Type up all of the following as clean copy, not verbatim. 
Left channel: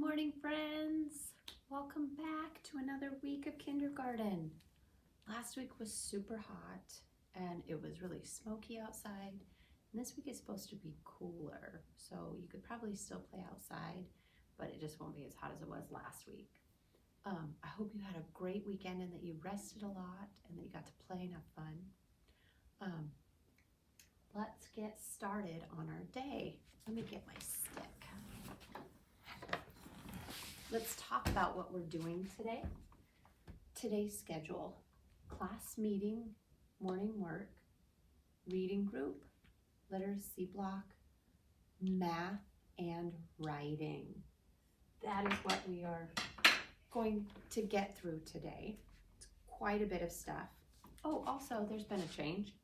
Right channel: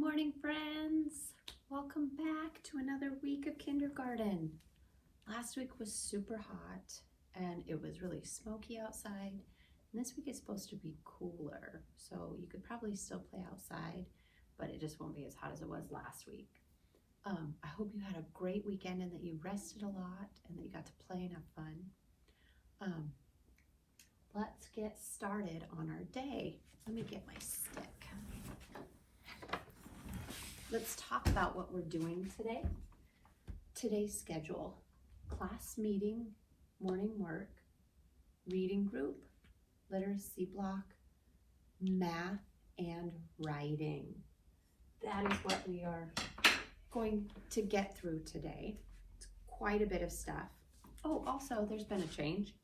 Morning, friends. Welcome back to another week of kindergarten. Last week was super hot and it was really smoky outside. And this week is supposed to be cooler, so you could probably still play outside, but it just won't be as hot as it was last week. I hope you had a great weekend and that you rested a lot and that you got to play and have fun. Let's get started on our day. Let me get my stick. Let's talk about what we're doing today. Today's schedule: class meeting, morning work, reading group, literacy block, math, and writing. That is what we are going to get through today. It's quite a bit of stuff. Oh, also, there's been a change.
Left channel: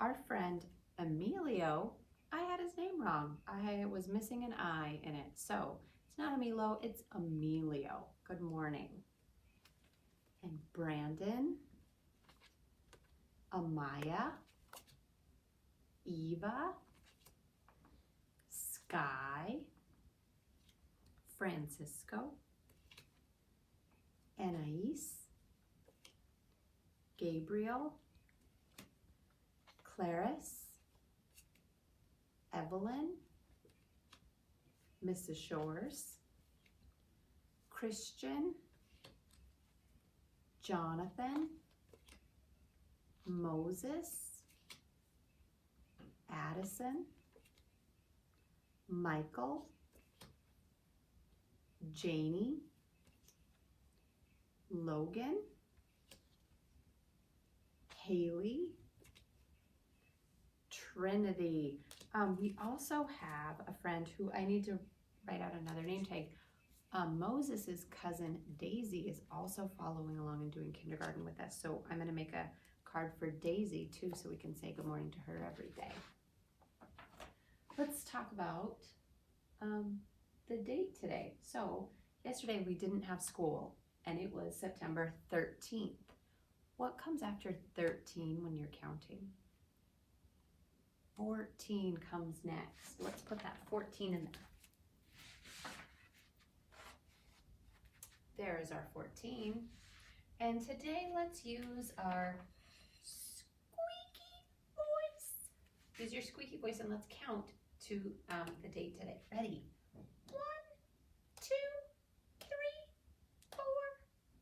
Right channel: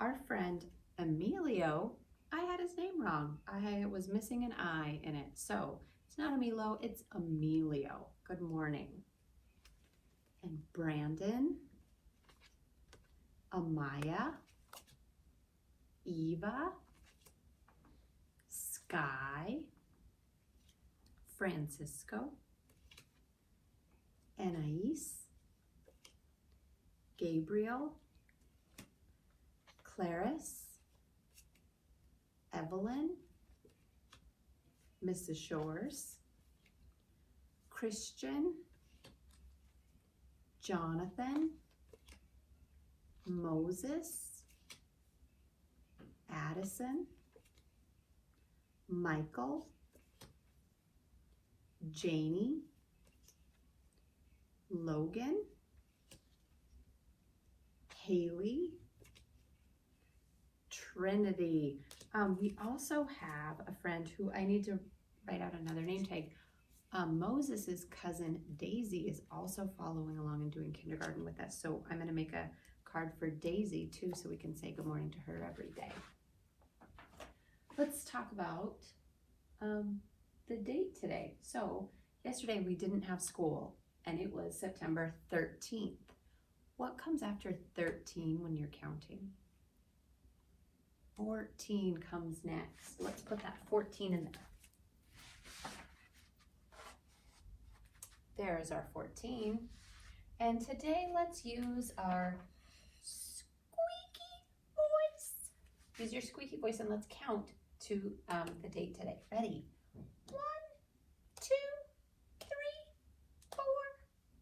Our friend Emilio, I had his name wrong. I was missing an I in it. So it's not Emilio, it's Emilio. Good morning. And Brandon, Amaya, Eva, Sky, Francisco, Anais, Gabriel, Clarice, Evelyn, Mrs. Shores, Christian, Jonathan, Moses, Addison, Michael, Janie, Logan, Haley, Trinity. We also have a friend who I need to write out another name tag. Moses' cousin Daisy is also following along and doing kindergarten with us. So I'm going to make a card for Daisy too, so we can say good morning to her every day. Let's talk about the date today. So yesterday we didn't have school and it was September 13th. What comes after 13 when you're counting? 14 comes next. Let's put that 14 in there. There's our 14. And today let's use our squeaky voice. Use your squeaky voice and let's count to the date today. Ready? 1, 2, 3, 4,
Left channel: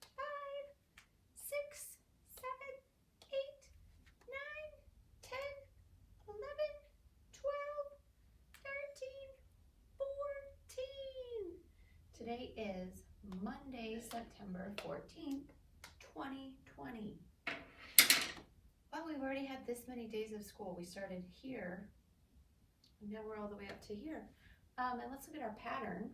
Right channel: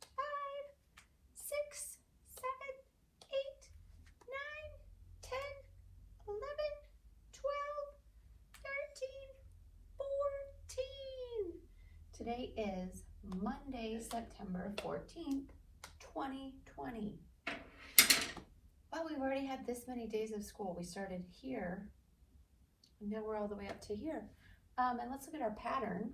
5, 6, 7, 8, 9, 10, 11, 12, 13, 14. Today is Monday, September 14th, 2020. Well, we've already had this many days of school. We started here, and now we're all the way up to here. And let's look at our pattern.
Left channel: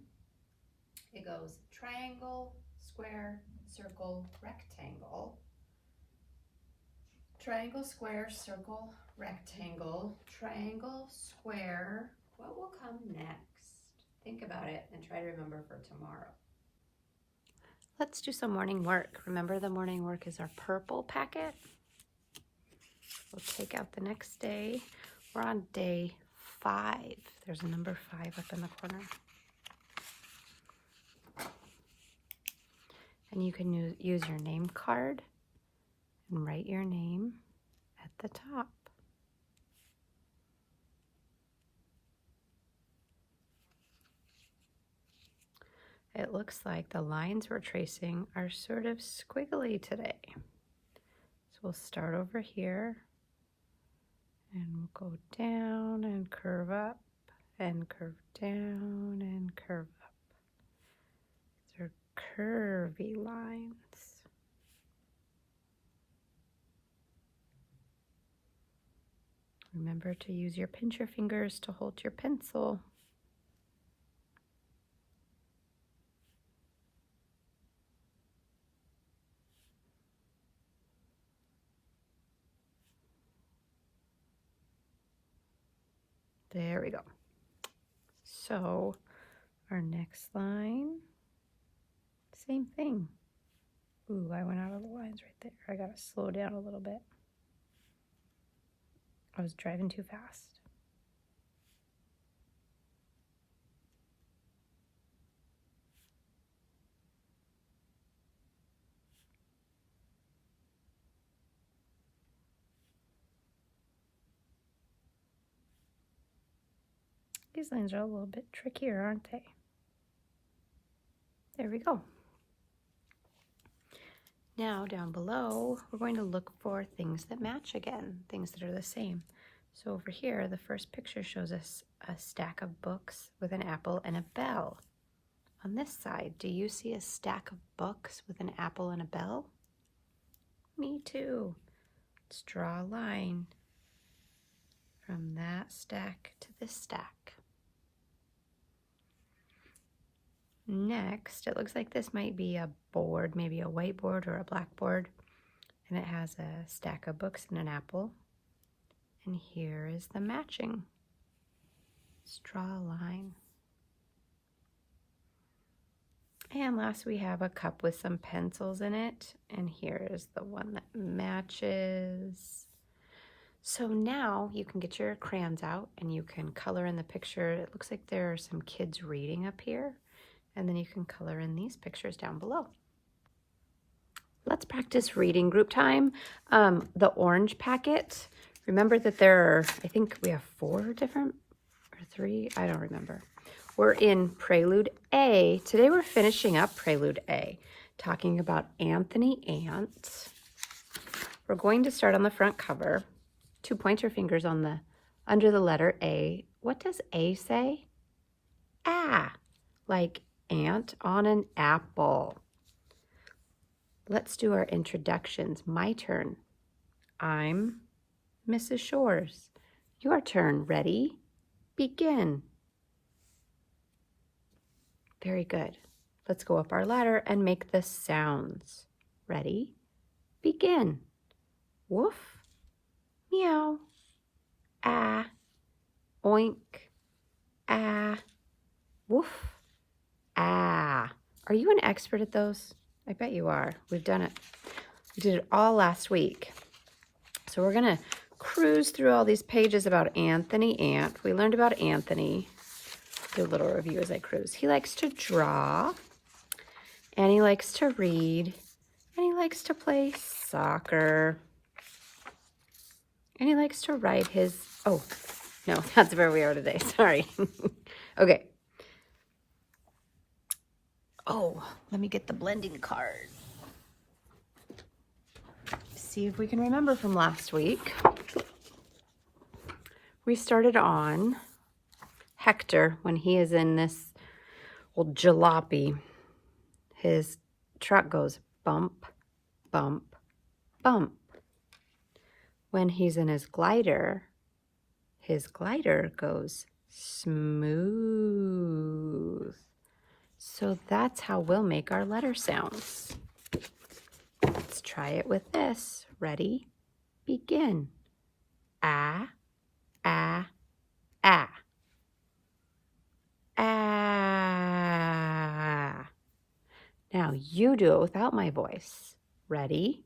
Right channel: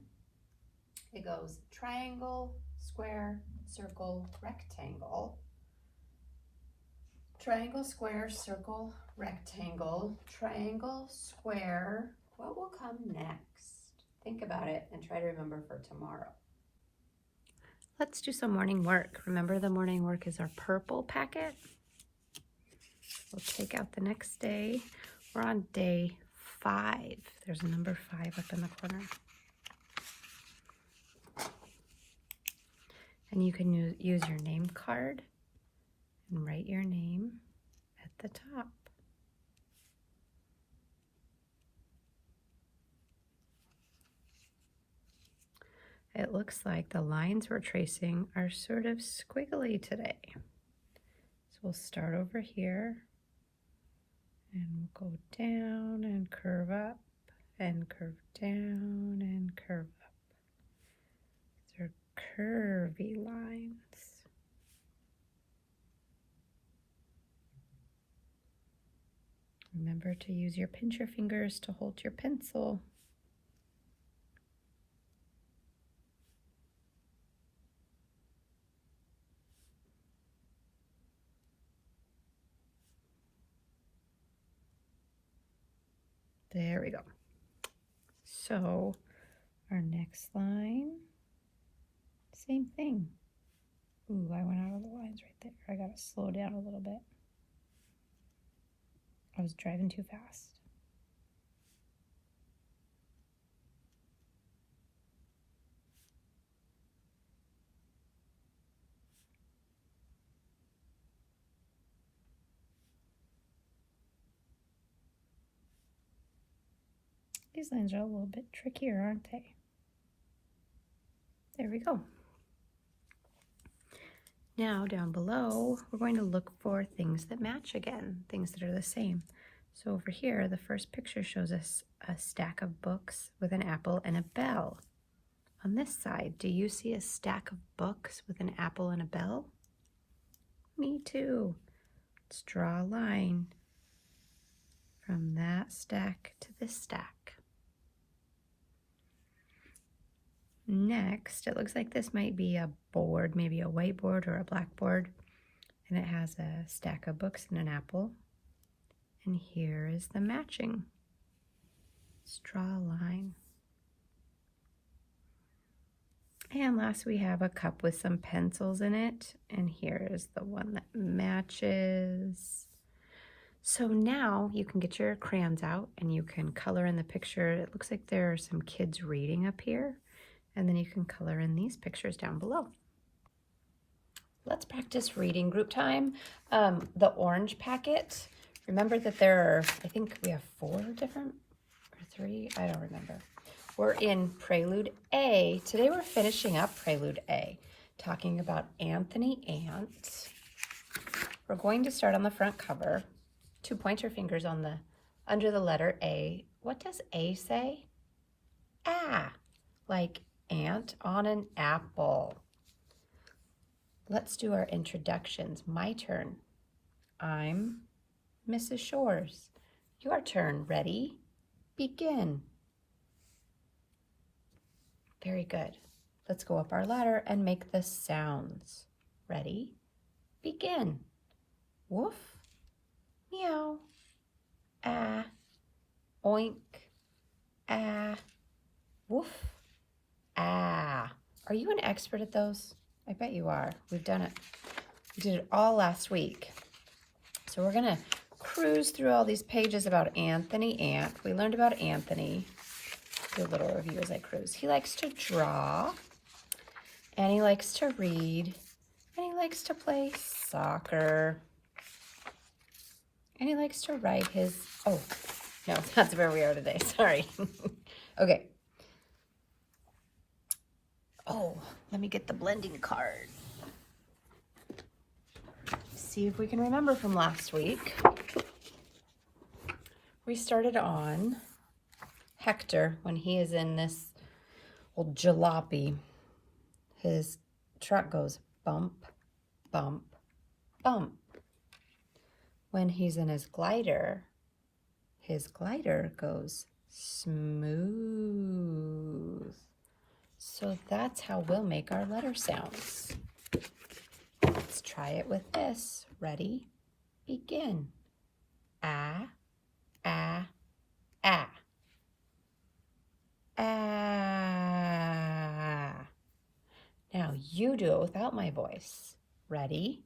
It goes triangle, square, circle, rectangle. Triangle, square, circle, rectangle, triangle, square. What will come next? Think about it and try to remember for tomorrow. Let's do some morning work. Remember, the morning work is our purple packet. We'll take out the next day. We're on day 5. There's a number 5 up in the corner. And you can use your name card and write your name at the top. It looks like the lines we're tracing are sort of squiggly today. So we'll start over here and we'll go down and curve up and curve down and curve up. These are curvy lines. Remember to use your pincher fingers to hold your pencil. There we go. So our next line, same thing. Ooh, I went out of the lines right there. I gotta slow down a little bit. I was driving too fast. These lines are a little bit trickier, aren't they? There we go. Now down below, we're going to look for things that match again, things that are the same. So over here, the first picture shows us a stack of books with an apple and a bell. On this side, do you see a stack of books with an apple and a bell? Me too. Let's draw a line from that stack to this stack. Next, it looks like this might be a board, maybe a whiteboard or a blackboard, and it has a stack of books and an apple. And here is the matching. Let's draw a line. And last we have a cup with some pencils in it, and here is the one that matches. So now you can get your crayons out and you can color in the picture. It looks like there are some kids reading up here, and then you can color in these pictures down below. Let's practice reading group time. The orange packet, remember that there are, I think we have 4 different, or 3, I don't remember. We're in Prelude A. Today we're finishing up Prelude A, talking about Anthony Ant. We're going to start on the front cover. 2 pointer fingers on the under the letter A. What does A say? Ah, like ant on an apple. Let's do our introductions. My turn. I'm Mrs. Shores. Your turn. Ready? Begin. Very good. Let's go up our ladder and make the sounds. Ready? Begin. Woof, meow, ah, oink, ah, woof, ah. Are you an expert at those? I bet you are. We've done it. We did it all last week. So we're gonna cruise through all these pages about Anthony Ant. We learned about Anthony. Do a little review as I cruise. He likes to draw, and he likes to read, and he likes to play soccer, and he likes to ride his, oh, no, that's where we are today, sorry. Okay. Oh, let me get the blending card. See if we can remember from last week. We started on Hector when he is in this old jalopy. His truck goes bump, bump, bump. When he's in his glider goes smooth. So that's how we'll make our letter sounds. Let's try it with this. Ready? Begin. Ah, ah, ah. Ah. Now you do it without my voice. Ready?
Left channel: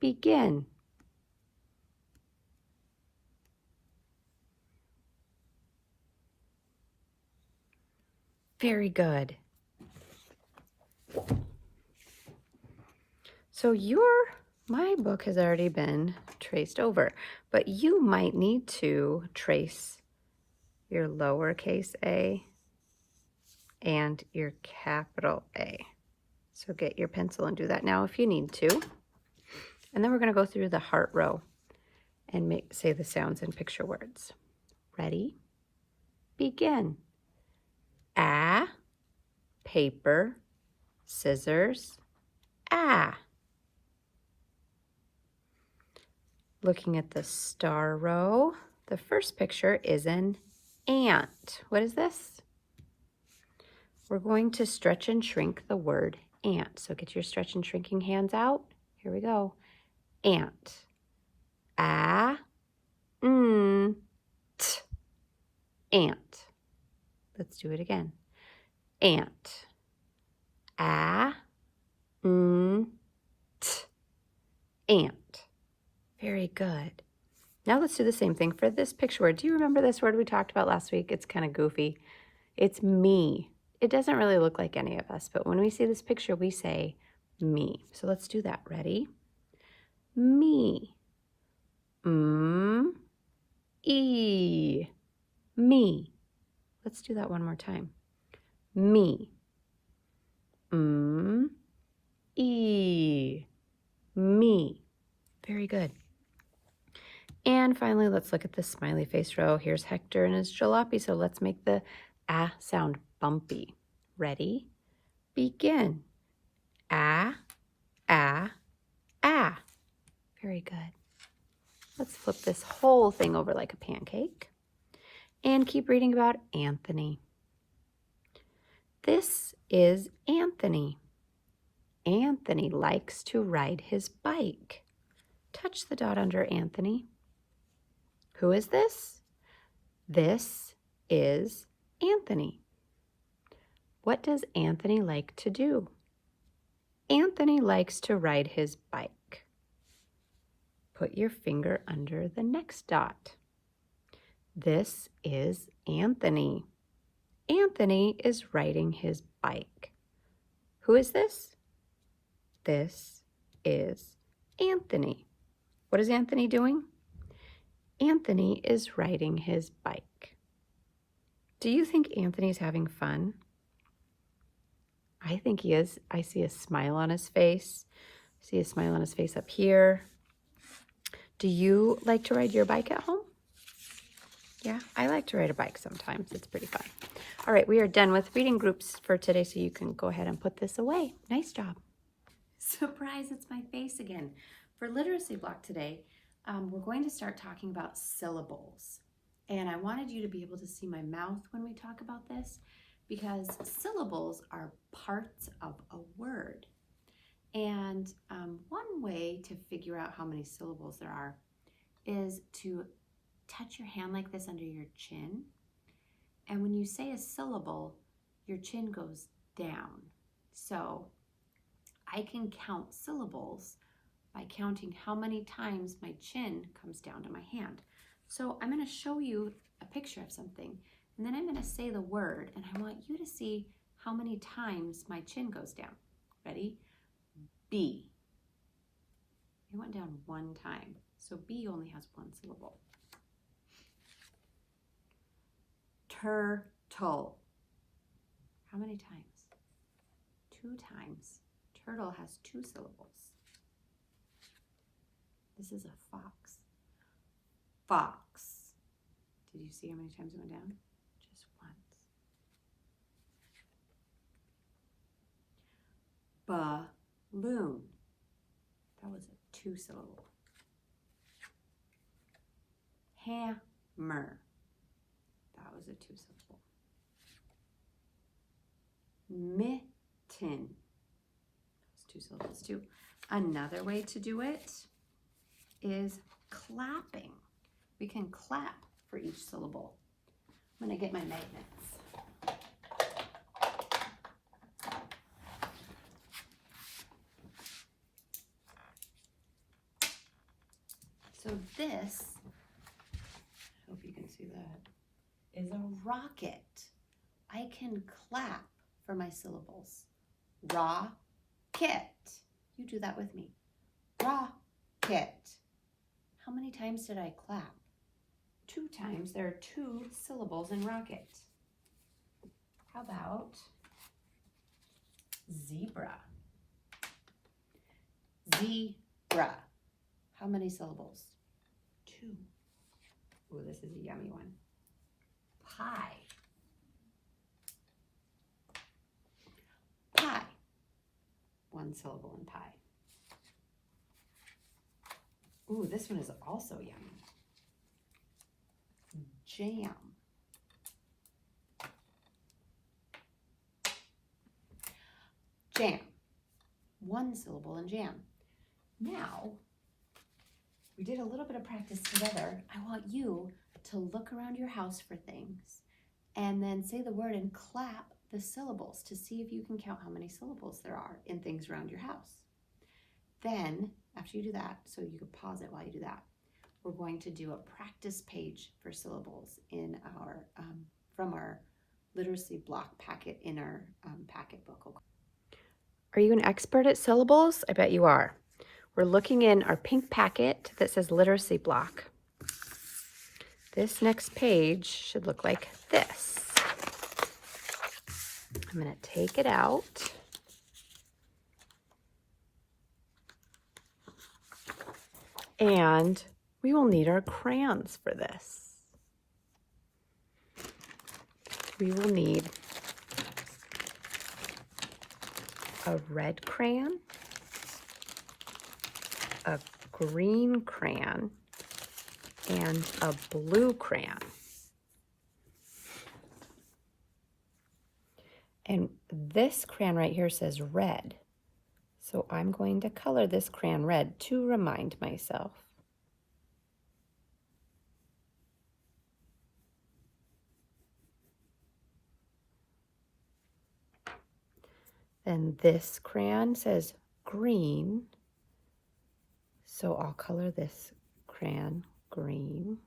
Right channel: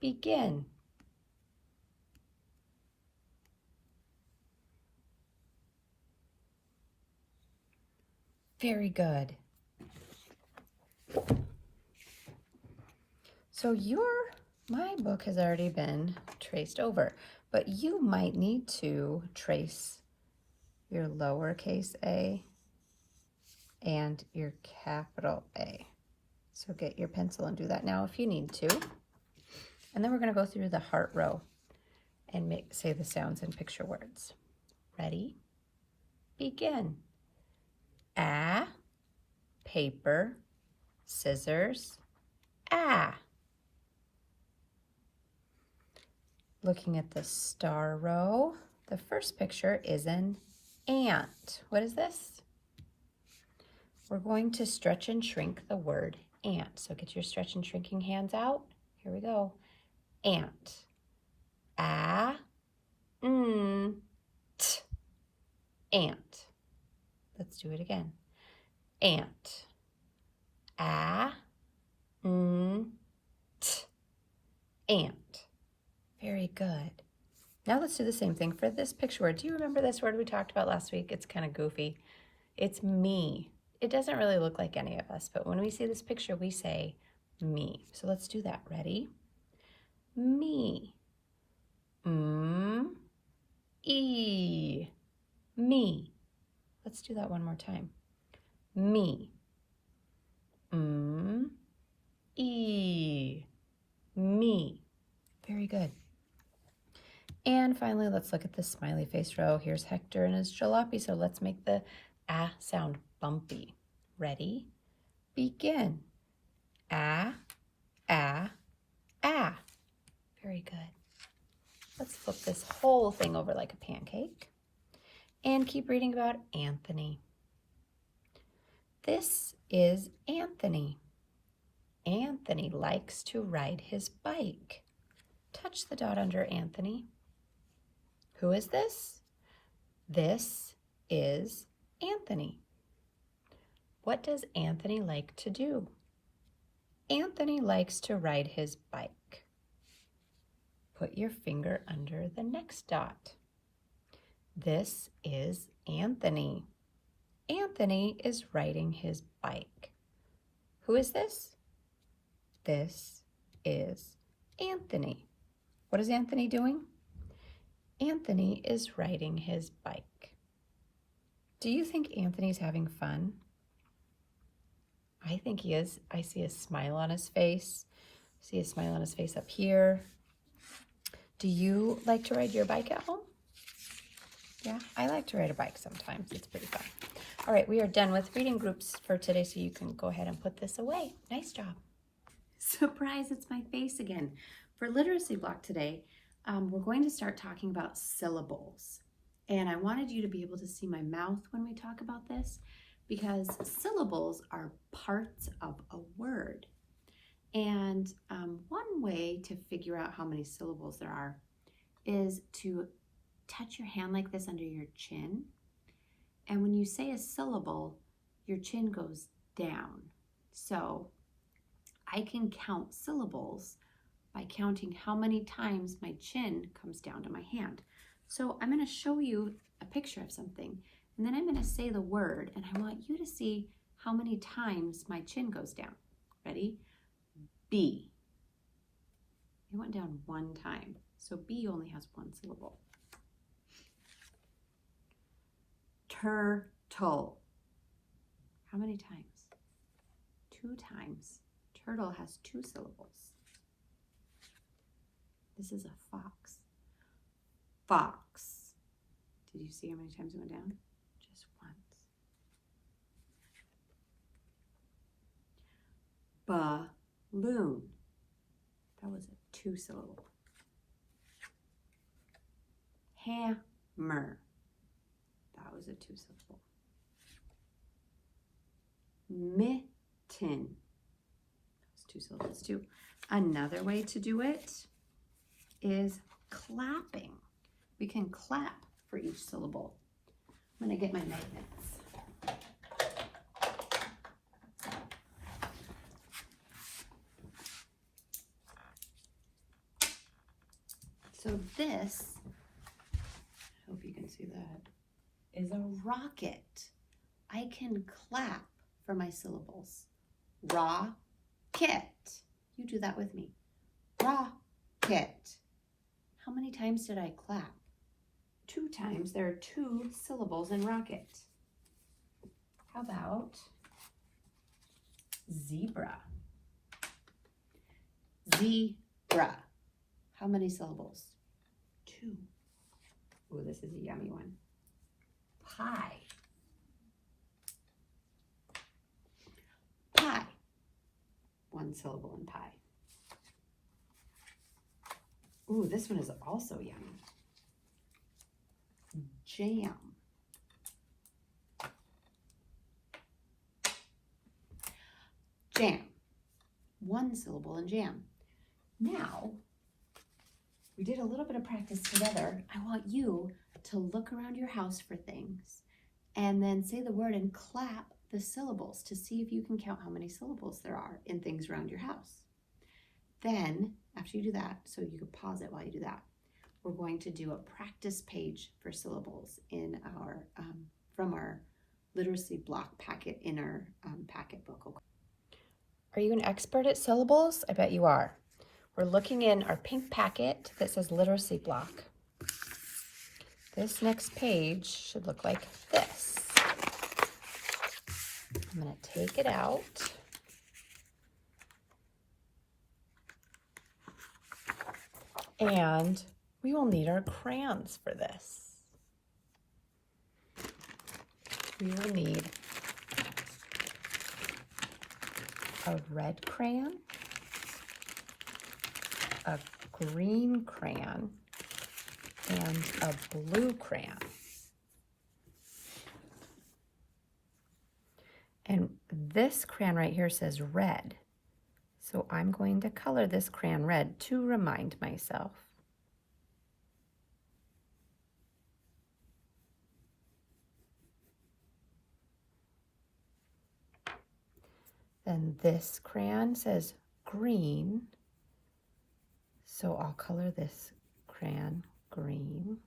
Begin. Very good. So my book has already been traced over, but you might need to trace your lowercase a and your capital A. So get your pencil and do that now if you need to. And then we're going to go through the heart row and say the sounds in picture words. Ready? Begin. Ah, paper, scissors, ah. Looking at the star row, the first picture is an ant. What is this? We're going to stretch and shrink the word ant. So get your stretch and shrinking hands out. Here we go. Ant. Ah, t. Ant. Let's do it again. Ant. Ah, t. Ant. Very good. Now let's do the same thing for this picture word. Do you remember this word we talked about last week? It's kind of goofy. It's me. It doesn't really look like any of us, but when we see this picture, we say me. So let's do that. Ready? Me. E. Me. Let's do that one more time. Me. E. Me. Very good. And finally, let's look at the smiley face row. Here's Hector and his jalopy. So let's make the ah sound bumpy. Ready? Begin. Ah, ah, ah. Very good. Let's flip this whole thing over like a pancake and keep reading about Anthony. This is Anthony. Anthony likes to ride his bike. Touch the dot under Anthony. Who is this? This is Anthony. What does Anthony like to do? Anthony likes to ride his bike. Put your finger under the next dot. This is Anthony. Anthony is riding his bike. Who is this? This is Anthony. What is Anthony doing? Anthony is riding his bike. Do you think Anthony's having fun? I think he is. I see a smile on his face. I see a smile on his face up here. Do you like to ride your bike at home? Yeah, I like to ride a bike sometimes. It's pretty fun. All right, we are done with reading groups for today, so you can go ahead and put this away. Nice job. Surprise, it's my face again. For literacy block today, we're going to start talking about syllables. And I wanted you to be able to see my mouth when we talk about this, because syllables are parts of a word. And one way to figure out how many syllables there are is to touch your hand like this under your chin. And when you say a syllable, your chin goes down. So I can count syllables by counting how many times my chin comes down to my hand. So I'm going to show you a picture of something, and then I'm going to say the word, and I want you to see how many times my chin goes down. Ready? B. It went down one time, so B only has one syllable. Turtle. How many times? 2 times. Turtle has 2 syllables. This is a fox. Fox. Did you see how many times it went down? Just once. Balloon. That was a 2 syllable. Hammer. That was a 2 syllable. Mitten. That's 2 syllables too. Another way to do it is clapping. We can clap for each syllable. I'm going to get my magnets. So this, I hope you can see that, is a rocket. I can clap for my syllables. Rocket. You do that with me. Rocket. How many times did I clap? 2 times. There are 2 syllables in rocket. How about zebra? Zebra. How many syllables? 2. Oh, this is a yummy one. Pie. Pie. 1 syllable in pie. Ooh, this one is also yummy. Jam. Jam. 1 syllable in jam. Now, we did a little bit of practice together. I want you to look around your house for things and then say the word and clap the syllables to see if you can count how many syllables there are in things around your house. Then, after you do that, so you could pause it while you do that, we're going to do a practice page for syllables in our from our literacy block packet in our packet book. Are you an expert at syllables? I bet you are. We're looking in our pink packet that says literacy block. This next page should look like this. I'm going to take it out. And we will need our crayons for this. We will need a red crayon, a green crayon, and a blue crayon. And this crayon right here says red. So I'm going to color this crayon red to remind myself. Then this crayon says green. So I'll color this crayon green.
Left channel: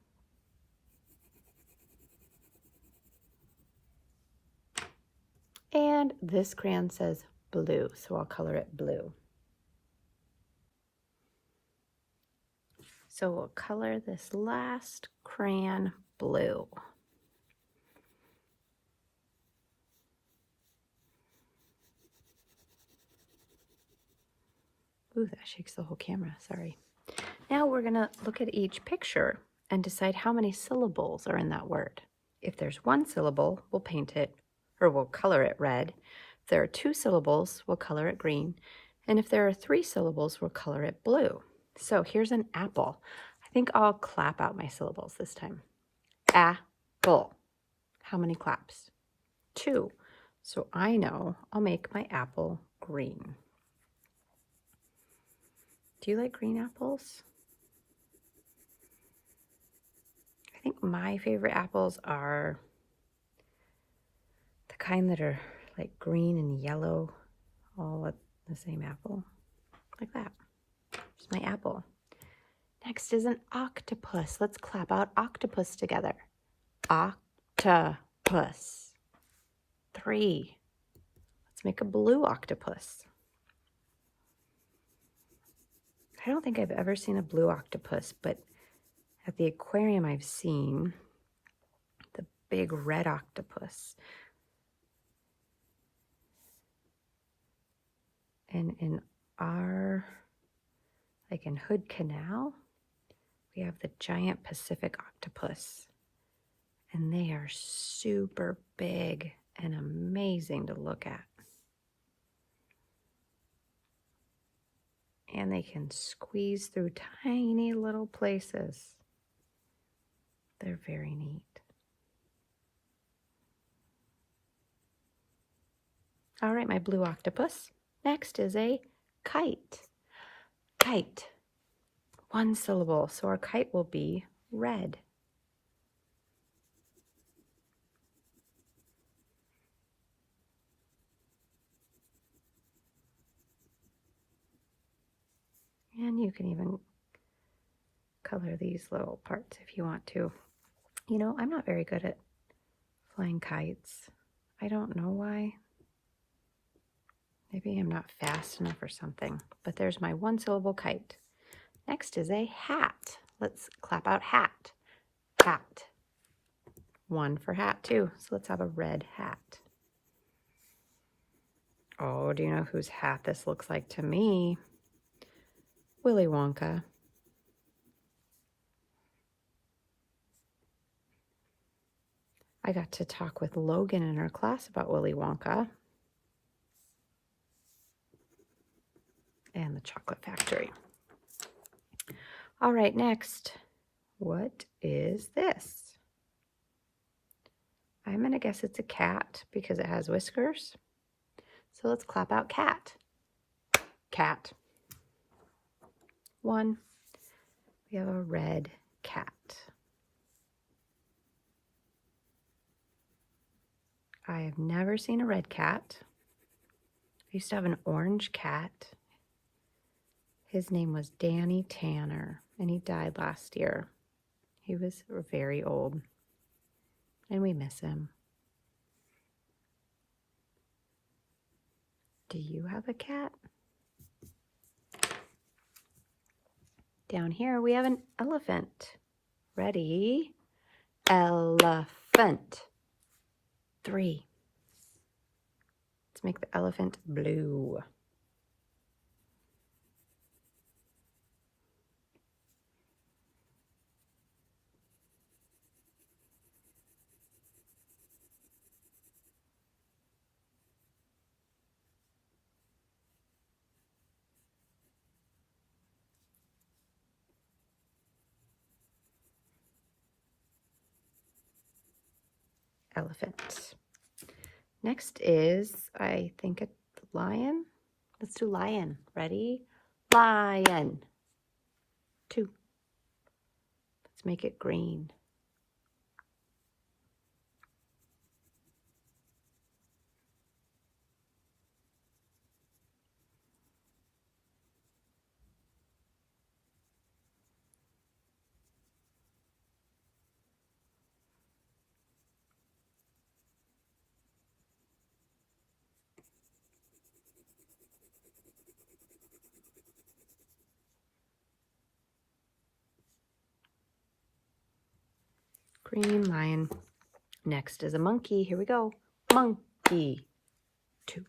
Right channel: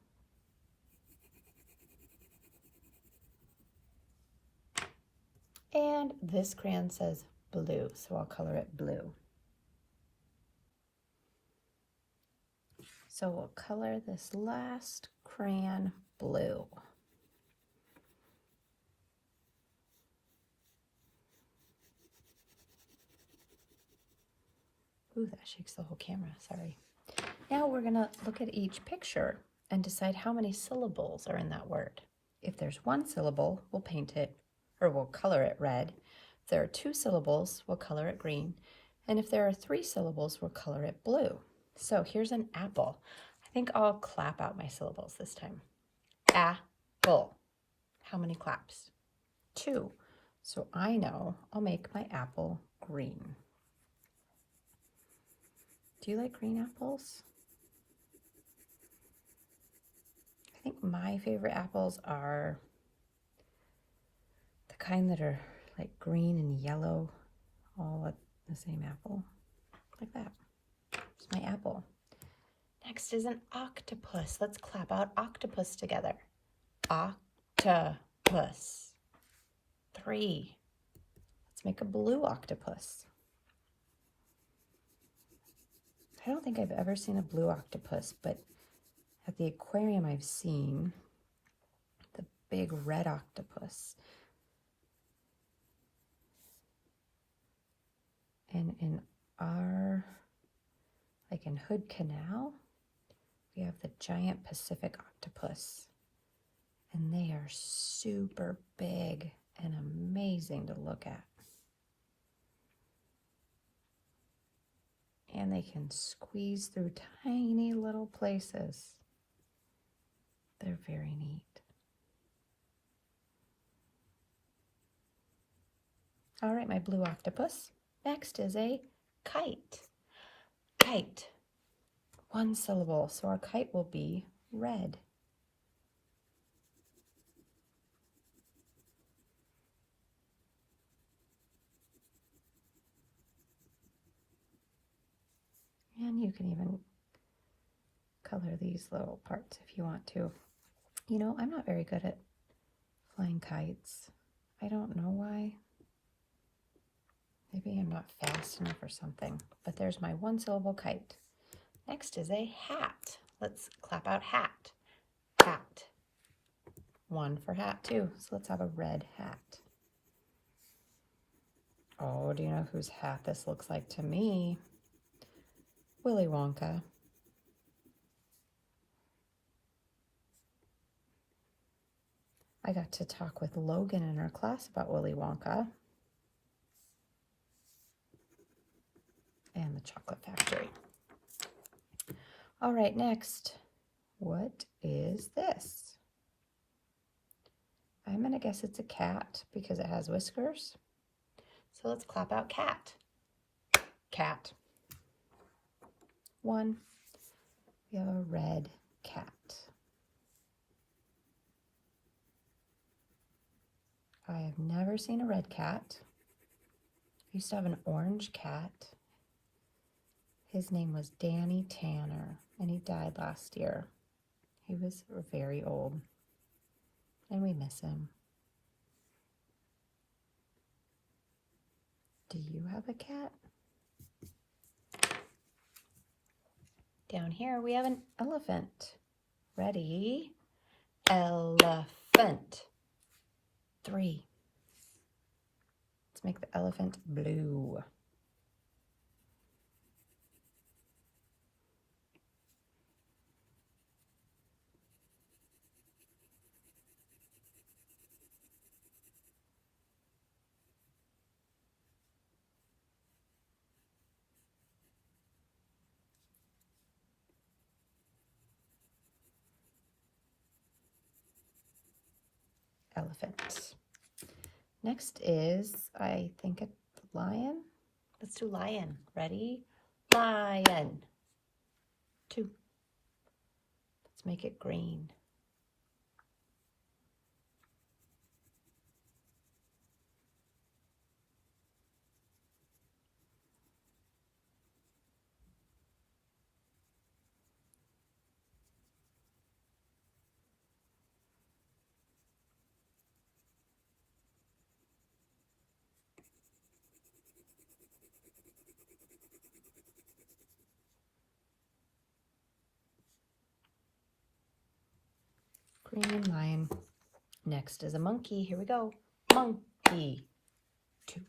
And this crayon says blue, so I'll color it blue. So we'll color this last crayon blue. Ooh, that shakes the whole camera, sorry. Now we're gonna look at each picture and decide how many syllables are in that word. If there's one syllable, we'll paint it, or we'll color it red. If there are 2 syllables, we'll color it green. And if there are 3 syllables, we'll color it blue. So here's an apple. I think I'll clap out my syllables this time. Apple. How many claps? 2. So I know I'll make my apple green. Do you like green apples? I think my favorite apples are the kind that are like green and yellow, all at the same apple, like that. It's my apple. Next is an octopus. Let's clap out octopus together. Octopus. 3. Let's make a blue octopus. I don't think I've ever seen a blue octopus, but at the aquarium I've seen the big red octopus. And in our, like in Hood Canal, we have the giant Pacific octopus. And they are super big and amazing to look at. And they can squeeze through tiny little places. They're very neat. All right, my blue octopus. Next is a kite. Kite. 1 syllable, so our kite will be red. And you can even color these little parts if you want to. You know, I'm not very good at flying kites. I don't know why. Maybe I'm not fast enough or something. But there's my 1 syllable kite. Next is a hat. Let's clap out hat. Hat. 1 for hat too. So let's have a red hat. Oh, do you know whose hat this looks like to me? Willy Wonka. I got to talk with Logan in our class about Willy Wonka and the Chocolate Factory. All right, next, what is this? I'm gonna guess it's a cat because it has whiskers. So let's clap out cat. Cat. 1. We have a red cat. I have never seen a red cat. I used to have an orange cat. His name was Danny Tanner, and he died last year. He was very old, and we miss him. Do you have a cat? Down here we have an elephant. Ready? Elephant. 3. make the elephant blue. Elephant. Next is, I think, a lion. Let's do lion. Ready? Lion. 2. Let's make it green. Green lion. Next is a monkey. Here we go. Monkey. 2.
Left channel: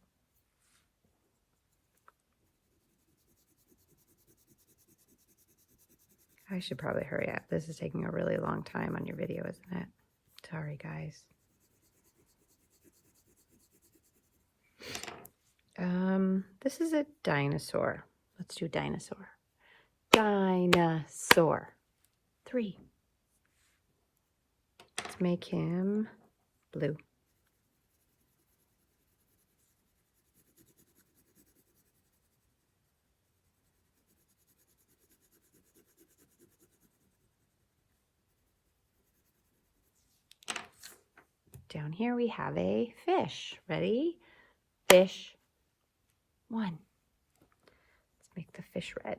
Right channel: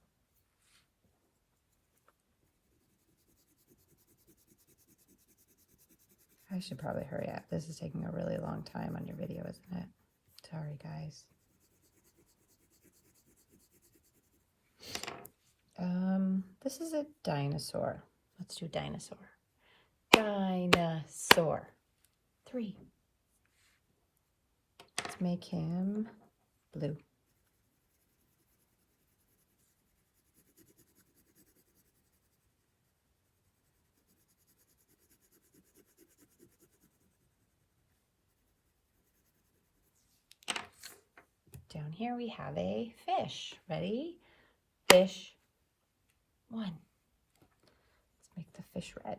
I should probably hurry up. This is taking a really long time on your video, isn't it? Sorry, guys. This is a dinosaur. Let's do dinosaur. Dinosaur. 3. Let's make him blue. Down here we have a fish. Ready? Fish. 1. Let's make the fish red.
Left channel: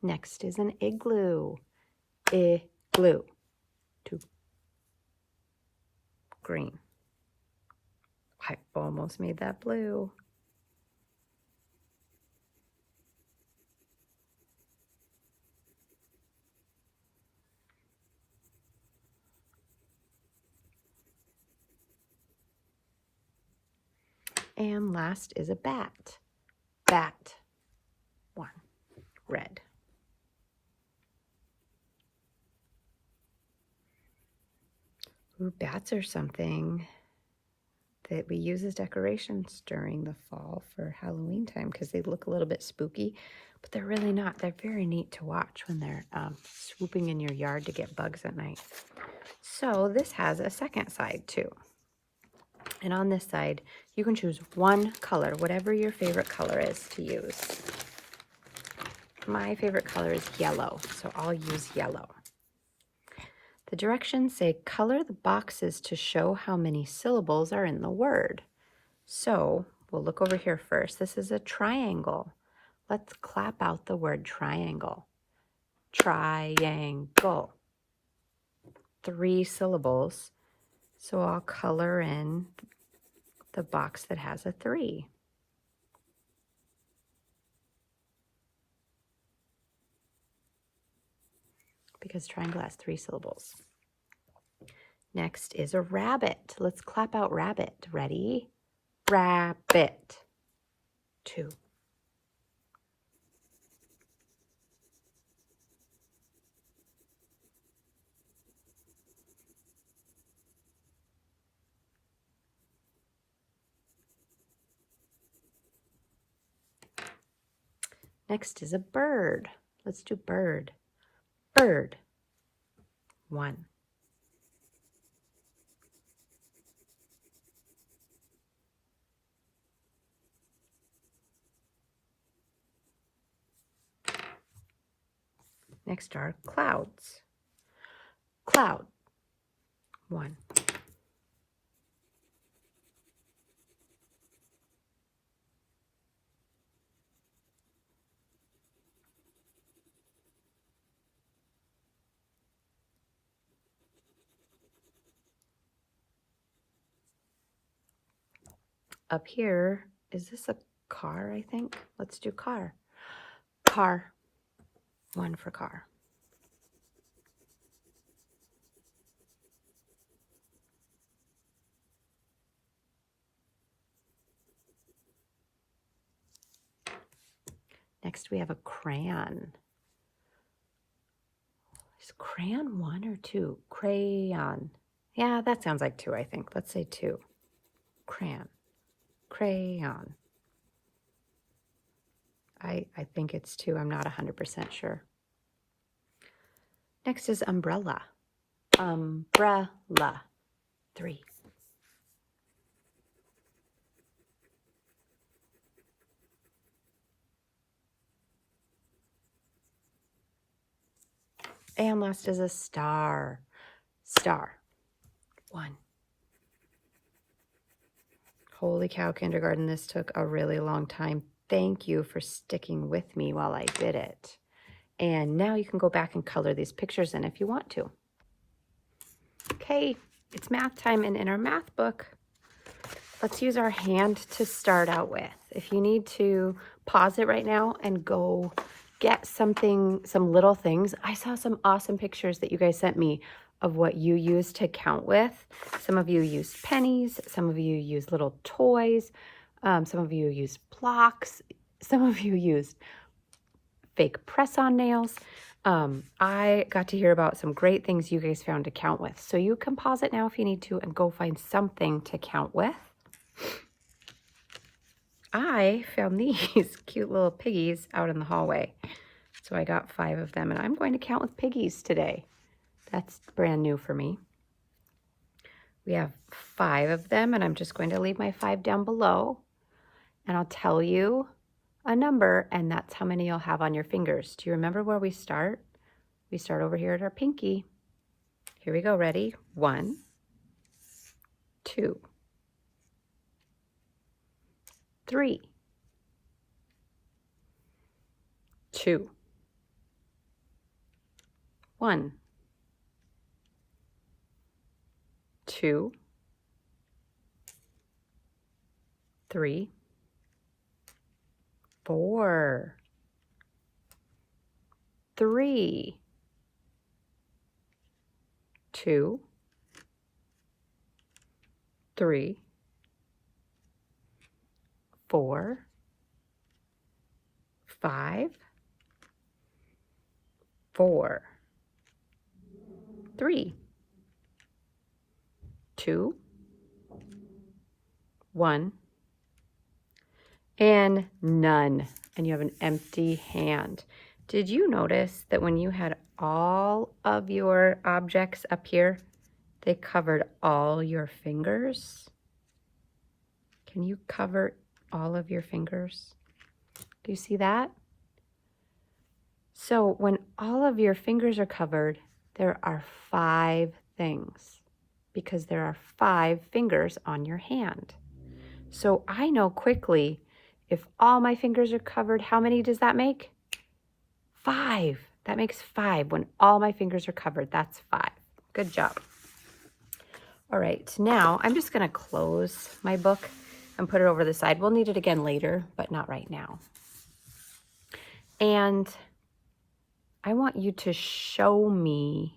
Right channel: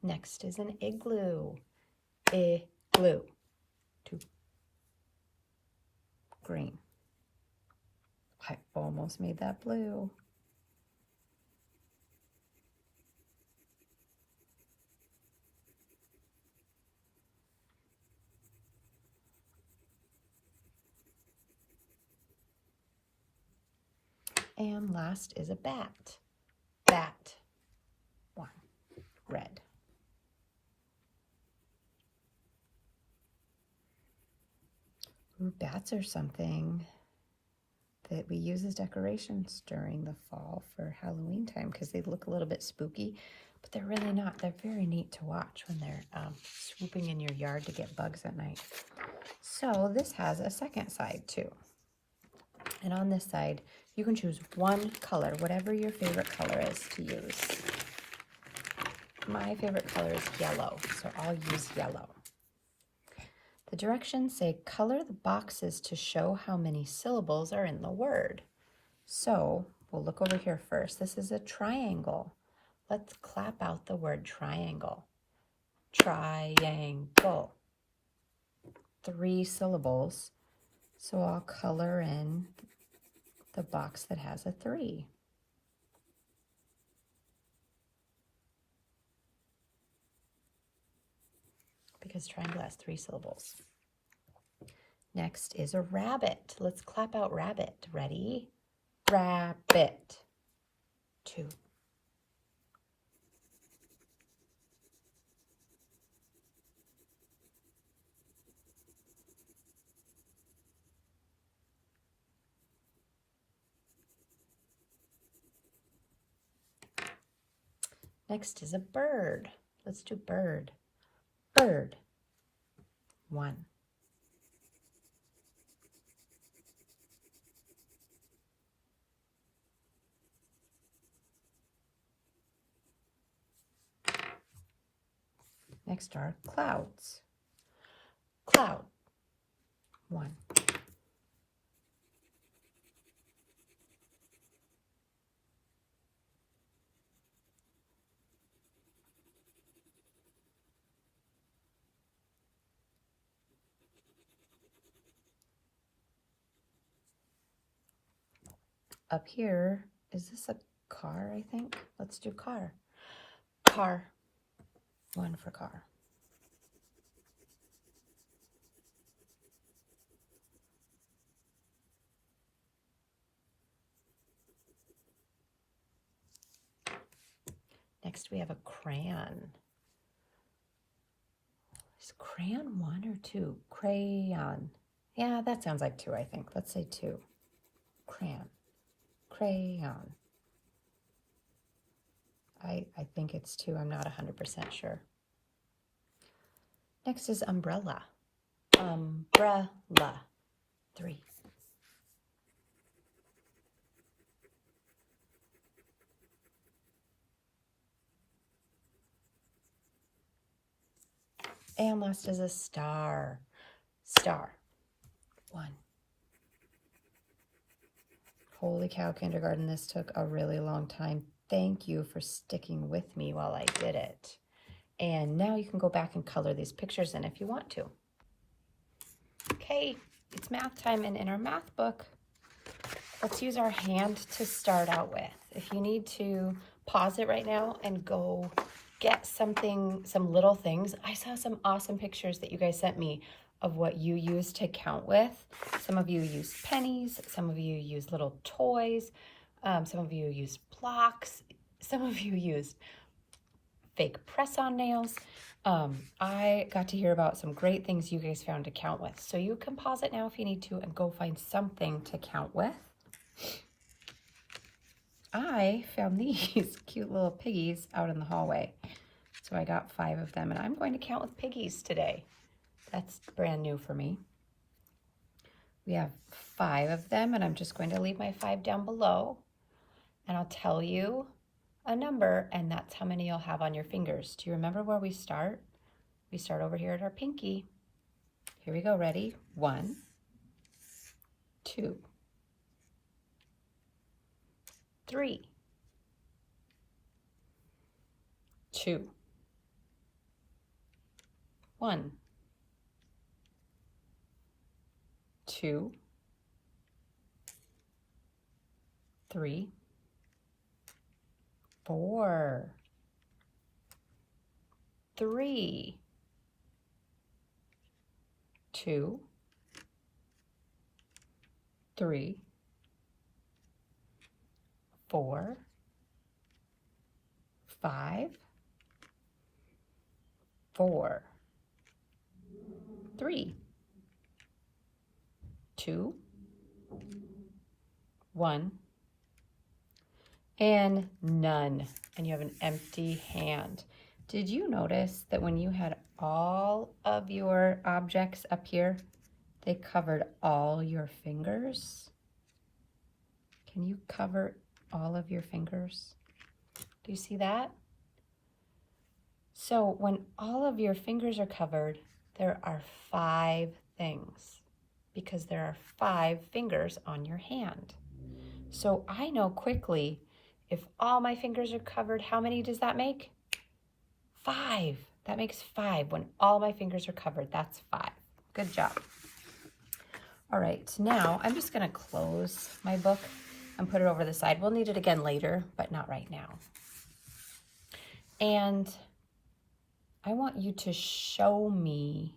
Next is an igloo. Igloo. 2. Green. I almost made that blue. And last is a bat. Bat. 1. Red. Ooh, bats are something that we use as decorations during the fall for Halloween time because they look a little bit spooky, but they're really not. They're very neat to watch when they're swooping in your yard to get bugs at night. So this has a second side too. And on this side, you can choose one color, whatever your favorite color is to use. My favorite color is yellow, so I'll use yellow. The directions say color the boxes to show how many syllables are in the word. So we'll look over here first. This is a triangle. Let's clap out the word triangle. Triangle. 3 syllables. So I'll color in the box that has a 3. Because triangle has 3 syllables. Next is a rabbit. Let's clap out rabbit. Ready? Rabbit. 2. Next is a bird. Let's do bird. Bird. 1. Next are clouds. Cloud. 1. Up here, is this a car, I think. Let's do car. Car. 1 for car. Next, we have a crayon. Is crayon 1 or 2? Crayon. Yeah, that sounds like 2, I think. Let's say 2. Crayon. Crayon. I think it's 2. I'm not 100% sure. Next is umbrella. Umbrella. 3. And last is a star. Star. 1. Holy cow, kindergarten, this took a really long time. Thank you for sticking with me while I did it. And now you can go back and color these pictures in if you want to. Okay, it's math time, and in our math book, let's use our hand to start out with. If you need to pause it right now and go get something, some little things. I saw some awesome pictures that you guys sent me of what you use to count with. Some of you use pennies, some of you use little toys, some of you use blocks, some of you use fake press-on nails. I got to hear about some great things you guys found to count with. So you can pause it now if you need to and go find something to count with. I found these cute little piggies out in the hallway. So I got 5 of them, and I'm going to count with piggies today. That's brand new for me. We have 5 of them, and I'm just going to leave my 5 down below, and I'll tell you a number, and that's how many you'll have on your fingers. Do you remember where we start? We start over here at our pinky. Here we go. Ready? 1, 2, 3, 2, 1, 2, 3, 4, 3, 2, 3, 4, 5, 4, 3, 2, 1, and none. And you have an empty hand. Did you notice that when you had all of your objects up here, they covered all your fingers? Can you cover all of your fingers? Do you see that? So when all of your fingers are covered, there are 5 things, because there are 5 fingers on your hand. So I know quickly, if all my fingers are covered, how many does that make? 5. That makes 5. When all my fingers are covered, that's 5. Good job. All right, now I'm just gonna close my book and put it over the side. We'll need it again later, but not right now. And I want you to show me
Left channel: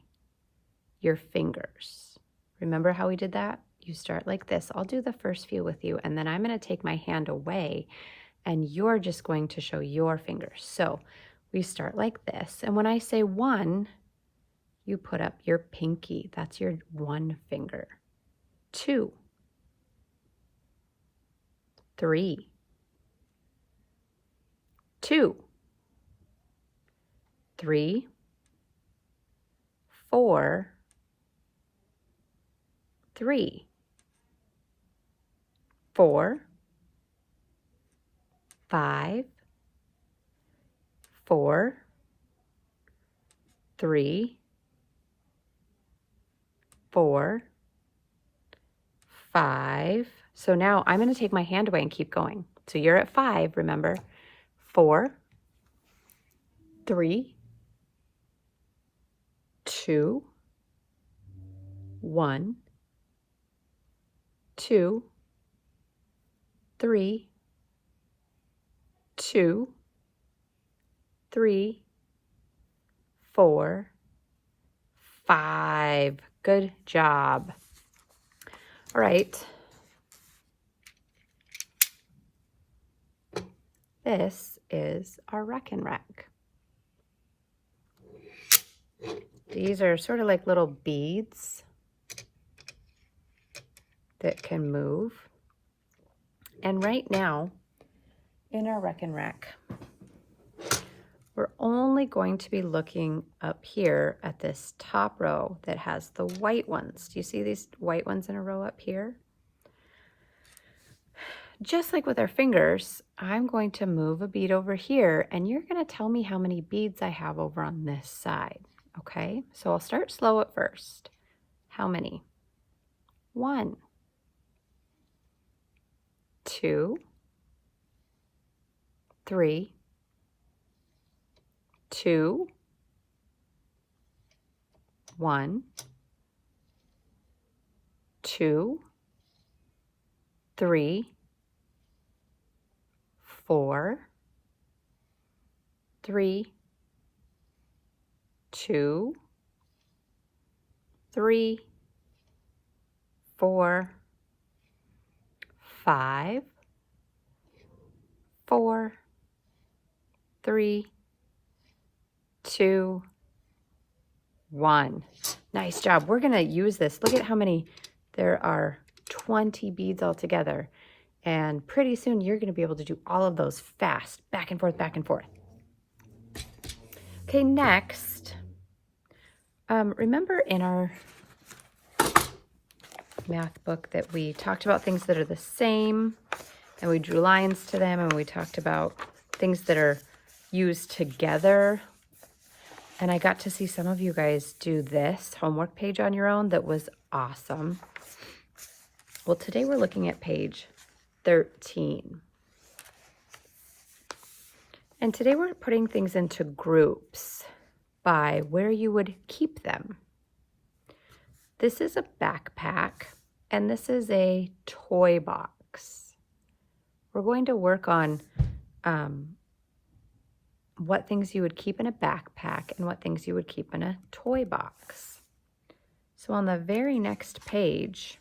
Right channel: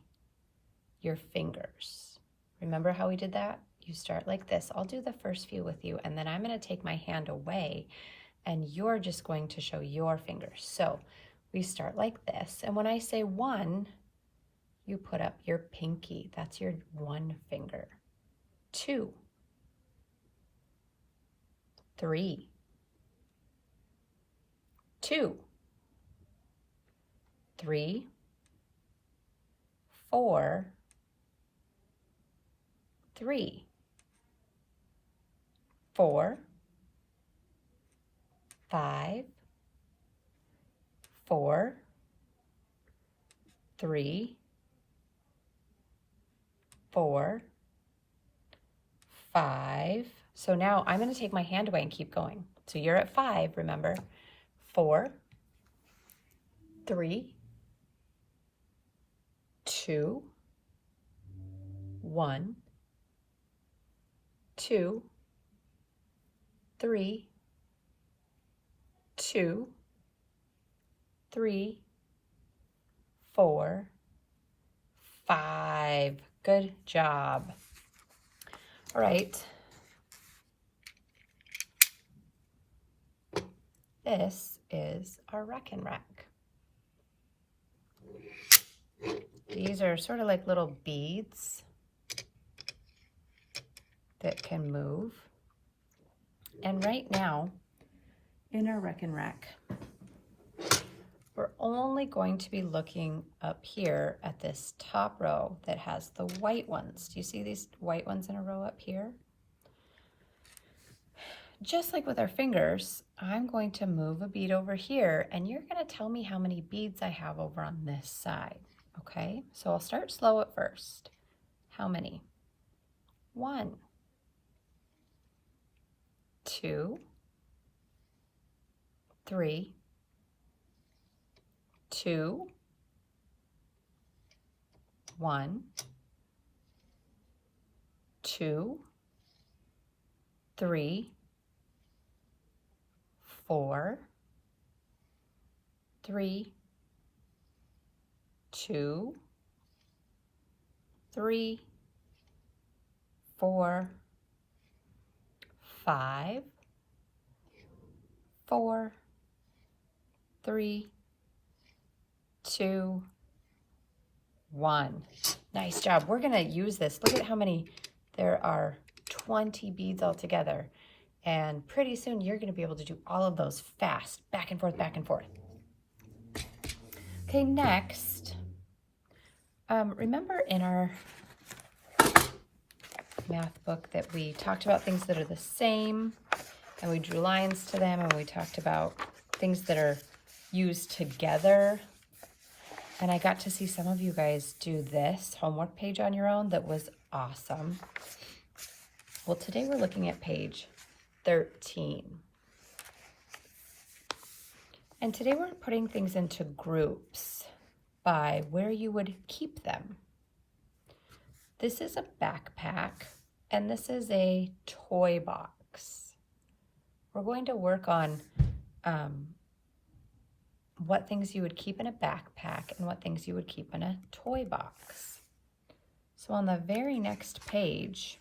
your fingers. Remember how we did that? You start like this. I'll do the first few with you, and then I'm going to take my hand away, and you're just going to show your fingers. So we start like this, and when I say 1, you put up your pinky. That's your 1 finger. 2, 3, 2, 3, 4, 3, 4, 5, 4, 3, 4, 5. So now I'm going to take my hand away and keep going. So you're at 5, remember? 4, 3, 2, 1, 2, 3, 2, 3, 4, 5. Good job. All right. This is our Wreck and Wreck. These are sort of like little beads that can move. And right now, in our Wreck and Wreck, we're only going to be looking up here at this top row that has the white ones. Do you see these white ones in a row up here? Just like with our fingers, I'm going to move a bead over here, and you're going to tell me how many beads I have over on this side. Okay, so I'll start slow at first. How many? 1, 2, 3, 2, 1, 2, 3, 4, 3, 2, 3, 4, 5, 4, 3, 2, 1. Nice job. We're going to use this. Look at how many. There are 20 beads altogether. And pretty soon you're going to be able to do all of those fast, back and forth, back and forth. Okay, next, remember in our math book that we talked about things that are the same, and we drew lines to them, and we talked about things that are used together. And I got to see some of you guys do this homework page on your own. That was awesome. Well, today we're looking at page 13. And today we're putting things into groups by where you would keep them. This is a backpack, and this is a toy box. We're going to work on what things you would keep in a backpack and what things you would keep in a toy box. So on the very next page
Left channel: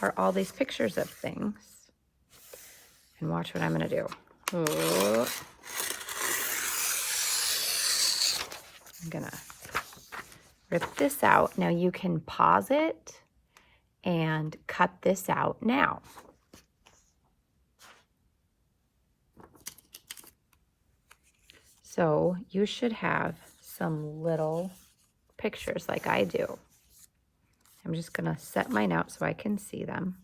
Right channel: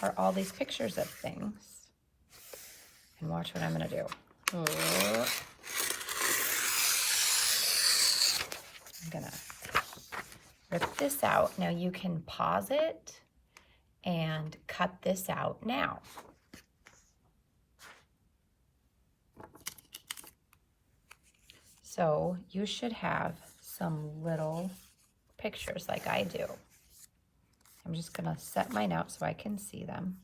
are all these pictures of things. And watch what I'm going to do. I'm going to rip this out. Now you can pause it and cut this out now. So you should have some little pictures like I do. I'm just going to set mine out so I can see them.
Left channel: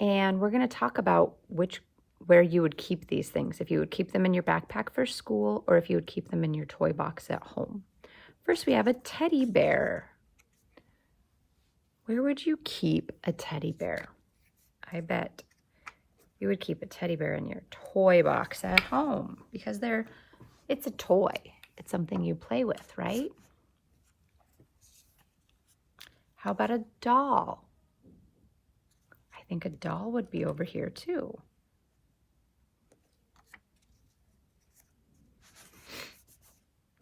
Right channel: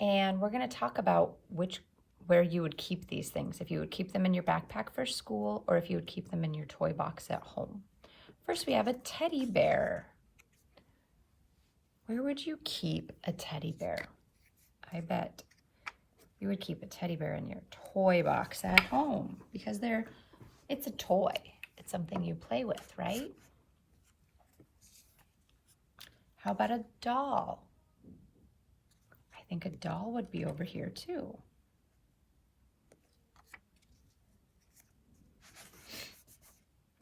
And we're going to talk about where you would keep these things. If you would keep them in your backpack for school, or if you would keep them in your toy box at home. First, we have a teddy bear. Where would you keep a teddy bear? I bet you would keep a teddy bear in your toy box at home, because it's a toy. It's something you play with, right? How about a doll? I think a doll would be over here too.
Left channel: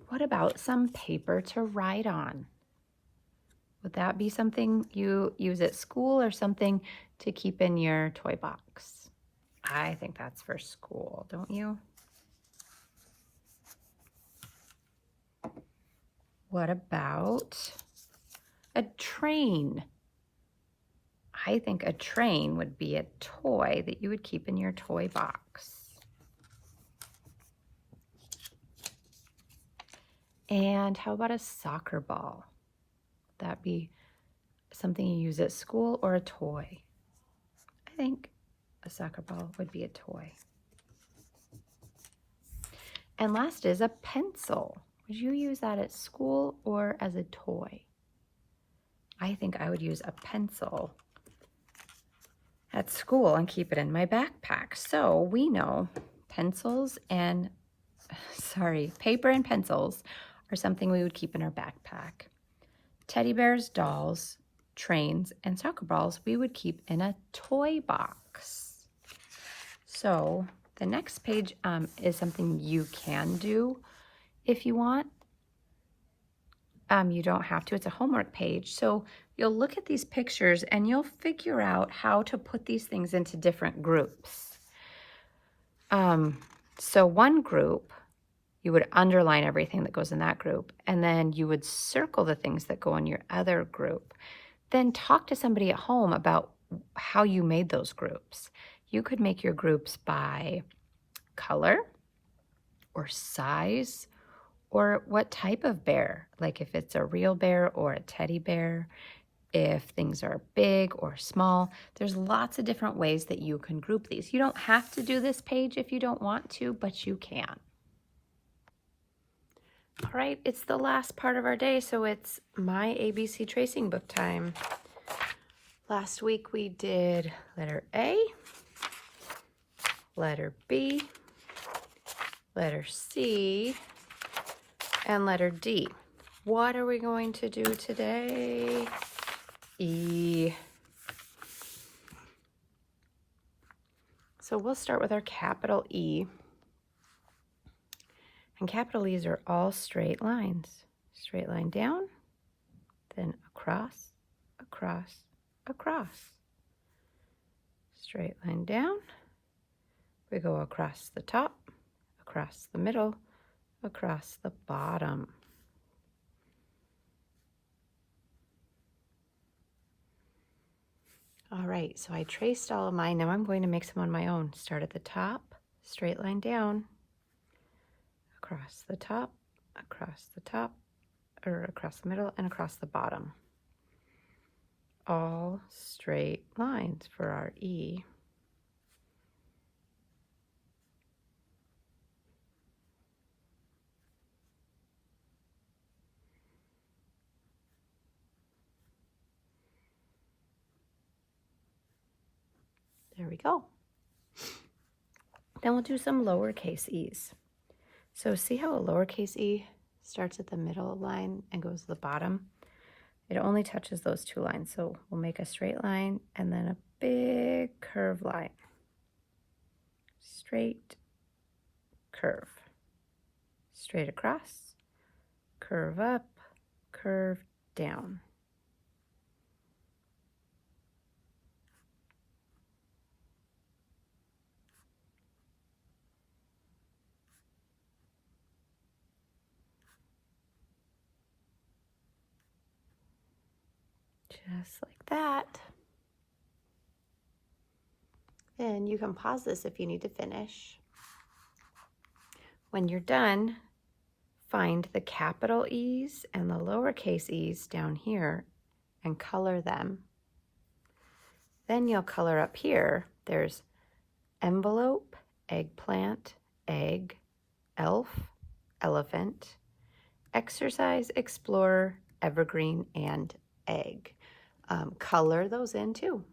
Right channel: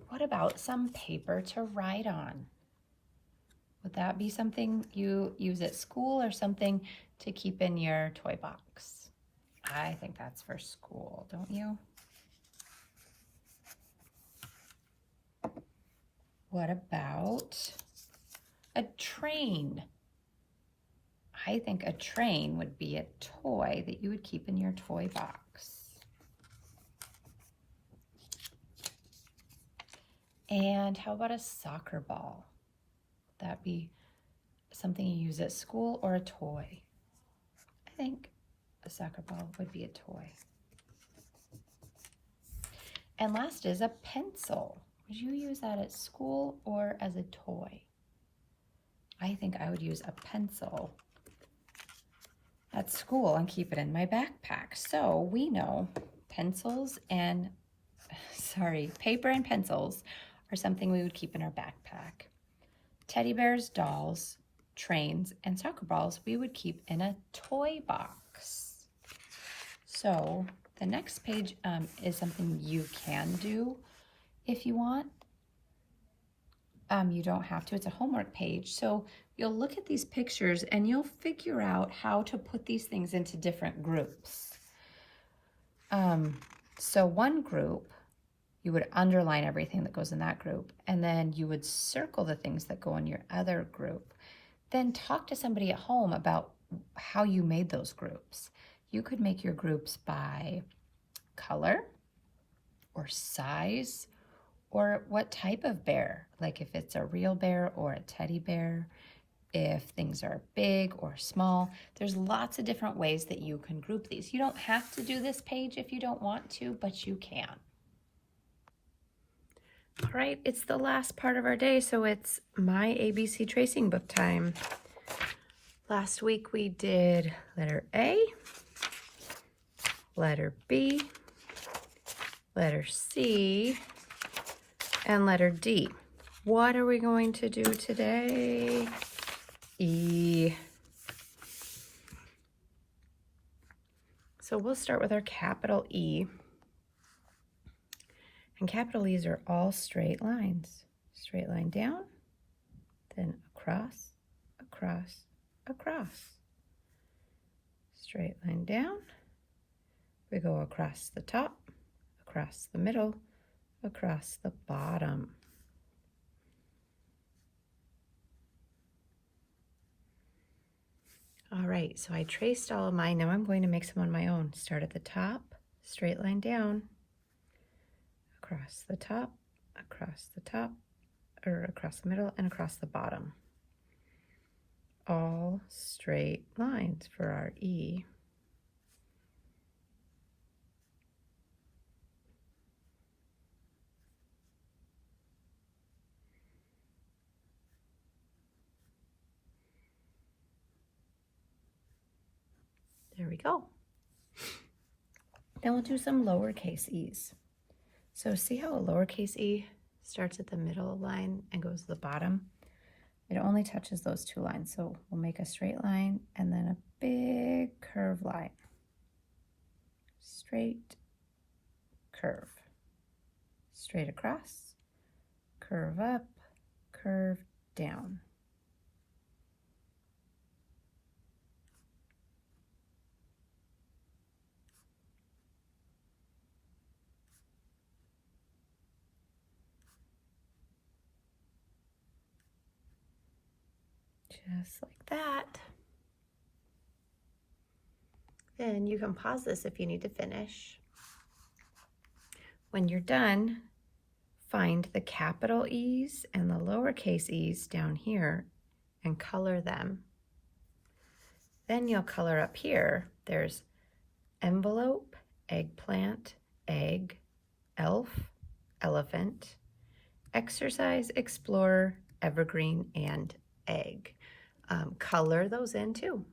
What about some paper to write on? Would that be something you use at school, or something to keep in your toy box? I think that's for school, don't you? What about a train? I think a train would be a toy that you would keep in your toy box. And how about a soccer ball? Would that be something you use at school, or a toy? I think a soccer ball would be a toy. And last is a pencil. Would you use that at school or as a toy? I think I would use a pencil at school and keep it in my backpack. So we know paper and pencils are something we would keep in our backpack. Teddy bears, dolls, trains, and soccer balls we would keep in a toy box. So the next page is something you can do if you want. You don't have to, it's a homework page. So you'll look at these pictures and you'll figure out how to put these things into different groups. So one group, you would underline everything that goes in that group, and then you would circle the things that go in your other group. Then talk to somebody at home about how you made those groups. You could make your groups by color or size or what type of bear, like if it's a real bear or a teddy bear, if things are big or small. There's lots of different ways that you can group these. You don't have to do this page if you don't want to, but you can. All right, it's the last part of our day, so it's my ABC tracing book time. Last week we did letter A, letter B, letter C, and letter D. What are we going to do today? E. So we'll start with our capital E. And capital E's are all straight lines. Straight line down, then across, across, across. Straight line down. We go across the top, across the middle, across the bottom. All right, so I traced all of mine. Now I'm going to make some on my own. Start at the top, straight line down, across the top, or across the middle, and across the bottom. All straight lines for our E. There we go. Then we'll do some lowercase e's. So see how a lowercase e starts at the middle line and goes to the bottom? It only touches those two lines. So we'll make a straight line and then a big curve line. Straight, curve. Straight across, curve up, curve down. Just like that. Then you can pause this if you need to finish. When you're done, find the capital E's and the lowercase e's down here and color them. Then you'll color up here. There's envelope, eggplant, egg, elf, elephant, exercise, explorer, evergreen, and egg. Color those in too.